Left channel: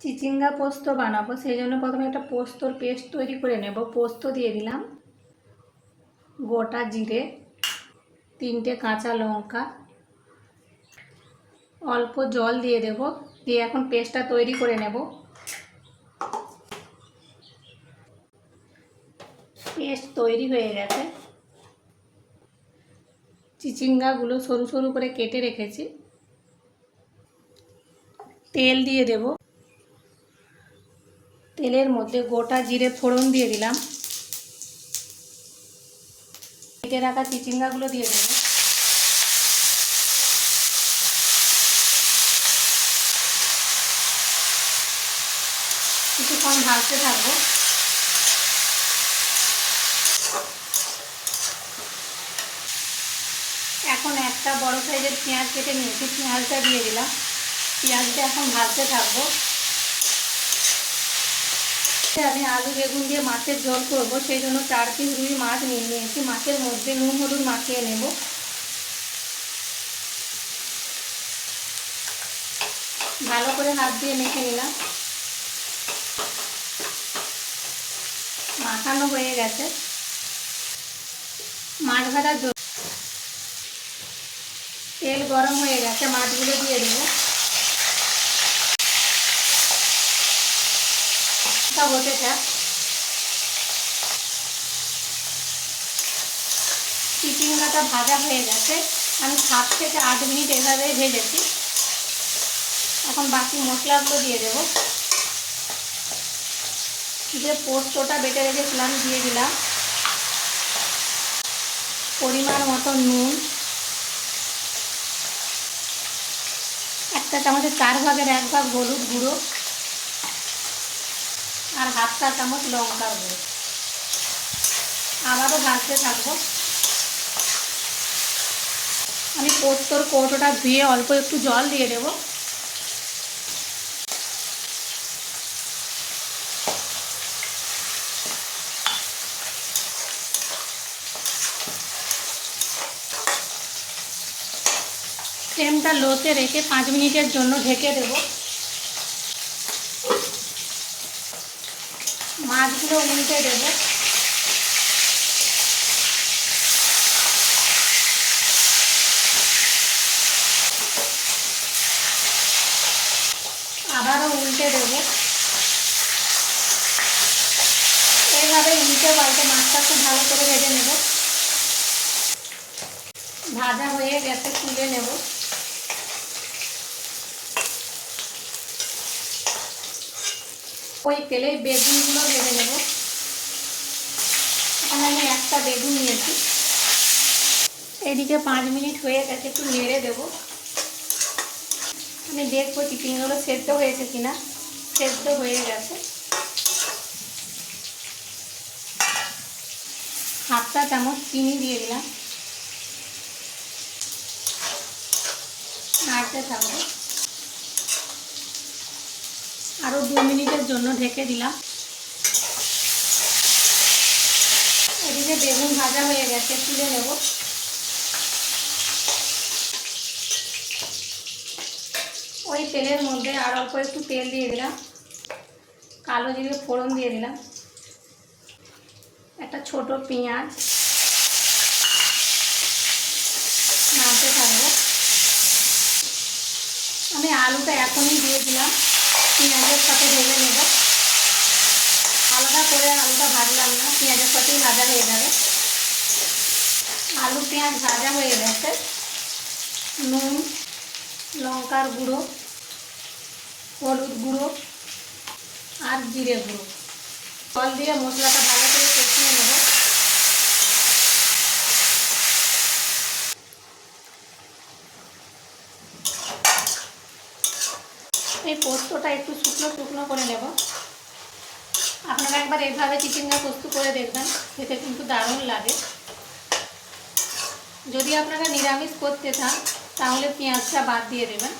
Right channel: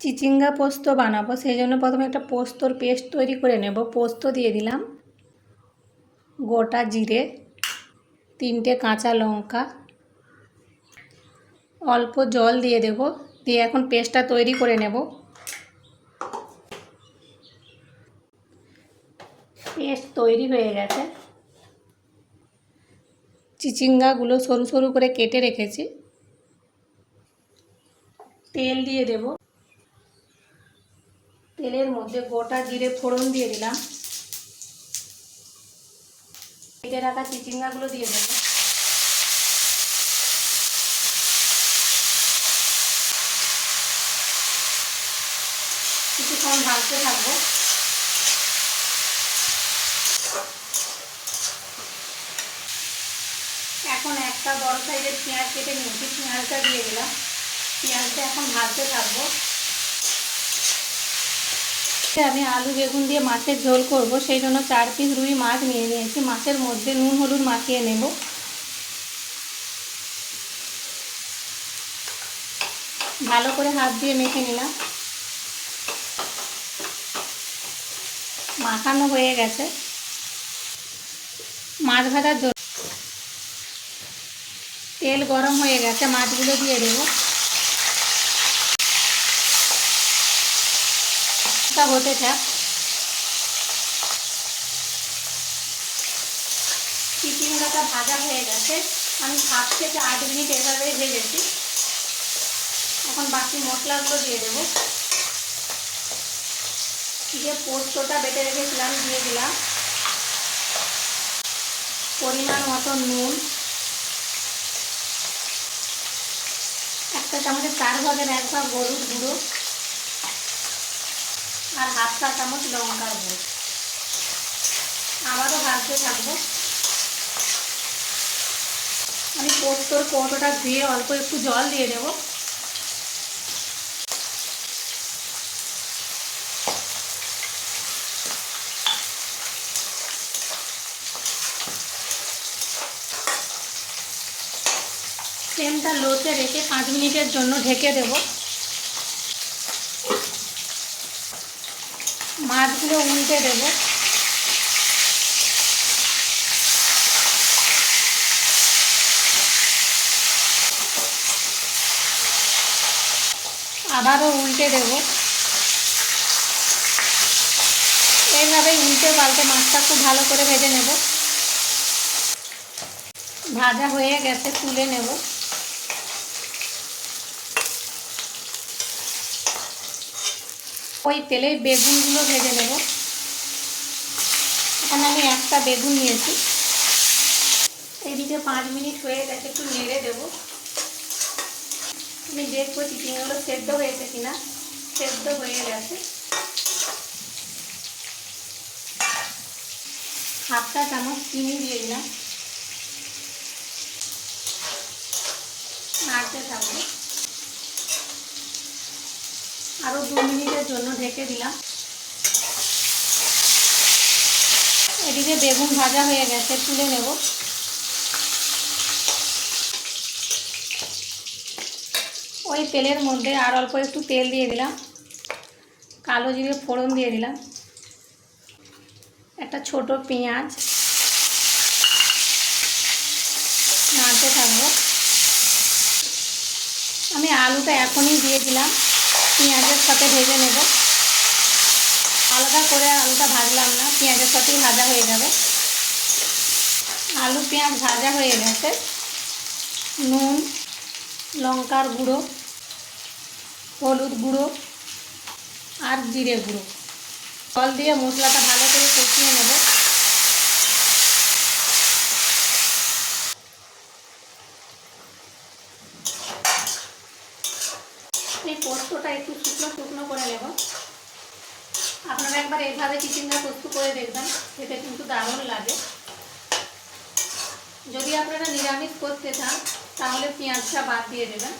চিচিঙ্গা পোস্ত বানাবো, সেই জন্য প্রথমে একটা পোস্তর পেস্ট তৈরি করে নেব। পোস্ত দিয়ে দিলাম গোটা জিরে, তিনটে কাঁচা লঙ্কা, অল্প জল দিয়ে দেব, দিয়ে এখন পেস্টটা তৈরি করে নেব। পেস্ট তৈরি হয়ে গেছে। চিচিঙ্গাগুলো সরু সরু করে কেটে রেখেছি। তেল দিয়ে দেব। তেলের মধ্যে গোটা জিরে ফোড়ন দিয়ে দিলাম। কেটে রাখা চিচিঙ্গাগুলো দিয়ে দেবো কিছুক্ষণ ভাজতে থাকব। এখন একটা বড় সাইজের পেঁয়াজ কেটে নিয়েছি পেঁয়াজটা দিয়ে দিলাম। পেঁয়াজটা এখন ভাজতে থাকব। আমি আলু, বেগুন দিয়ে মাছের ঝোল করব। সেই জন্য চার পিস রুই মাছ নিয়ে নিয়েছি। মাছের মধ্যে নুন, হলুদ মাখিয়ে নেব। ভালো করে হাত দিয়ে মেখে নিলাম। মাখানো হয়ে গেছে। মাছ ভাজার জন্য তেল গরম হয়ে গেছে। মাছগুলো দিয়ে দেবো। সব হতে থাক চিচিঙ্গাটা ভাজা হয়ে গেছে। আমি সাত থেকে আট মিনিট এভাবে ভেজেছি। এখন বাকি মশলাগুলো দিয়ে দেবো। যে পোস্তটা বেটে রেখেছিলাম, দিয়ে দিলাম। পরিমাণ মতো নুন। একটা চামচের চার ভাগের এক ভাগ হলুদ গুঁড়ো। চা চামচ লঙ্কার গুঁড়ো আবারও ভাজতে থাকব। আমি পোস্তর কৌটোটা ধুয়ে অল্প একটু জল দিয়ে দেবো। ফ্লেমটা লোতে রেখে পাঁচ মিনিটের জন্য ঢেকে দেব। মাছগুলো উল্টে দেব। আবারও উল্টে দেব। এইভাবে উল্টে পাল্টে মাছটা খুব ভালো করে ভেজে নেব। ভাজা হয়ে গেছে, তুলে নেব। ওই তেলে বেগুনগুলো ভেজে নেব। এখানে আমি একটা বেগুন নিয়েছি। এদিকে পাঁচ মিনিট হয়ে গেছে, একটু নেড়ে দেবো। আমি দেখব চিকেনগুলো সেদ্ধ হয়েছে কিনা? সেদ্ধ হয়ে গেছে। হাফটা চামচ চিনি দিয়ে দিলাম নাড়তে থাকব আরও দু মিনিটের জন্য ঢেকে দিলাম। এদিকে বেগুন ভাজা হয়ে গেছে, তুলে নেব। ওই তেলের মধ্যে আর অল্প একটু তেল দিয়ে দিলাম। কালো জিরে ফোড়ন দিয়ে দিলাম। একটা ছোট পেঁয়াজ। নাড়তে থাকব। আমি আলুটা এখনই দিয়ে দিলাম। পেঁয়াজের সাথে ভেজে নেব। আলাদা করে আলুটা ভাজলাম না, পেঁয়াজের সাথেই ভাজা হয়ে যাবে। আলু পেঁয়াজ ভাজা হয়ে গেছে। নুন, লঙ্কার গুঁড়ো, হলুদ গুঁড়ো আর জিরে গুঁড়ো। জল দিয়ে মশলাটা ভালো করে কষিয়ে নেব। এই পোস্তটা একটু শুকনো শুকনো করে নেব। আপনারা একবার এইভাবে চিচিঙ্গা পোস্ত করে দেখবেন, খেতে কিন্তু দারুণ লাগে। যদি আপনারা নিরামিষ করতে চান, তাহলে পেঁয়াজটা বাদ দিয়ে দেবেন।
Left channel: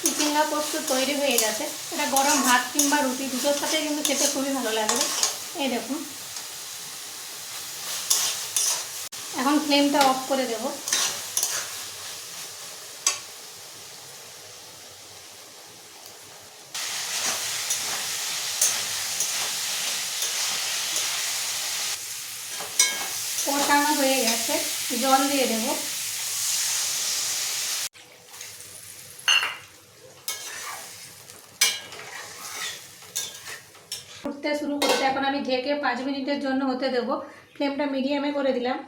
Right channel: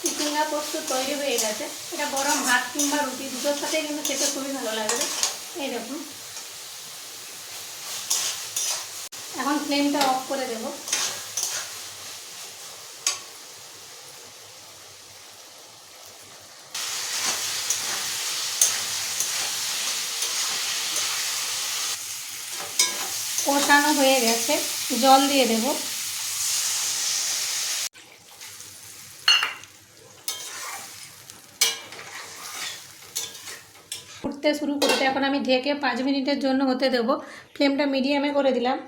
চিচিঙ্গা পোস্ত তৈরি হয়ে গেছে। এটা গরম ভাত কিংবা রুটি, দুটোর সাথে কিন্তু খেতে খুবই ভালো লাগবে। এই দেখুন। এখন ফ্লেমটা অফ করে দেব। কষানো হয়ে গেছে, জল দিয়ে দেব। ফুটতে শুরু করতে এখন আমি ঢেকে পাঁচ মিনিটের জন্য হতে দেবো। ফ্লেমটা মিডিয়ামে করে দিলাম।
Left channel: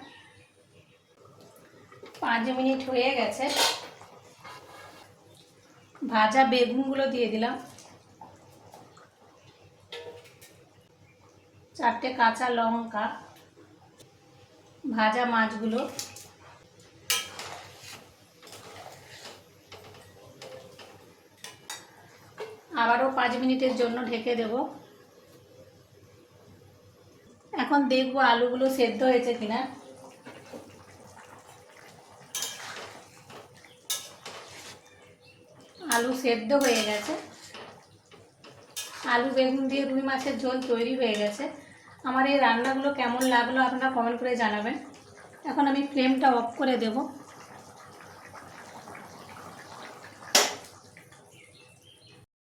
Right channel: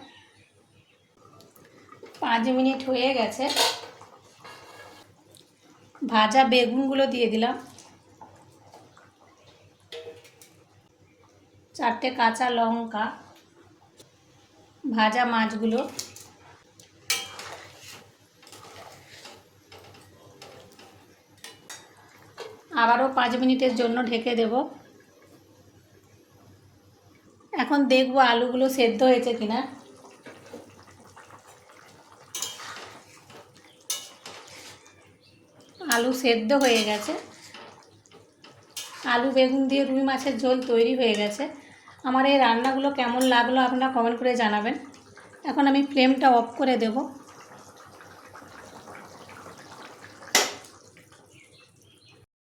পাঁচ মিনিট হয়ে গেছে। ভাজা বেগুনগুলো দিয়ে দিলাম। চারটে কাঁচা লঙ্কা। ভাজা মাছগুলো। আবারও পাঁচ মিনিটের জন্য ঢেকে দেব। এখন দেখব আলুগুলো সেদ্ধ হয়েছে কিনা। আলু সেদ্ধ হয়ে গেছে। আলু, বেগুন দিয়ে রুই মাছের ঝোল তৈরি হয়ে গেছে। আমার এই রান্নাগুলো কেমন লাগল আপনারা কমেন্ট করে জানাবেন। এখন আমি ফ্লেমটা অফ করে দেবো।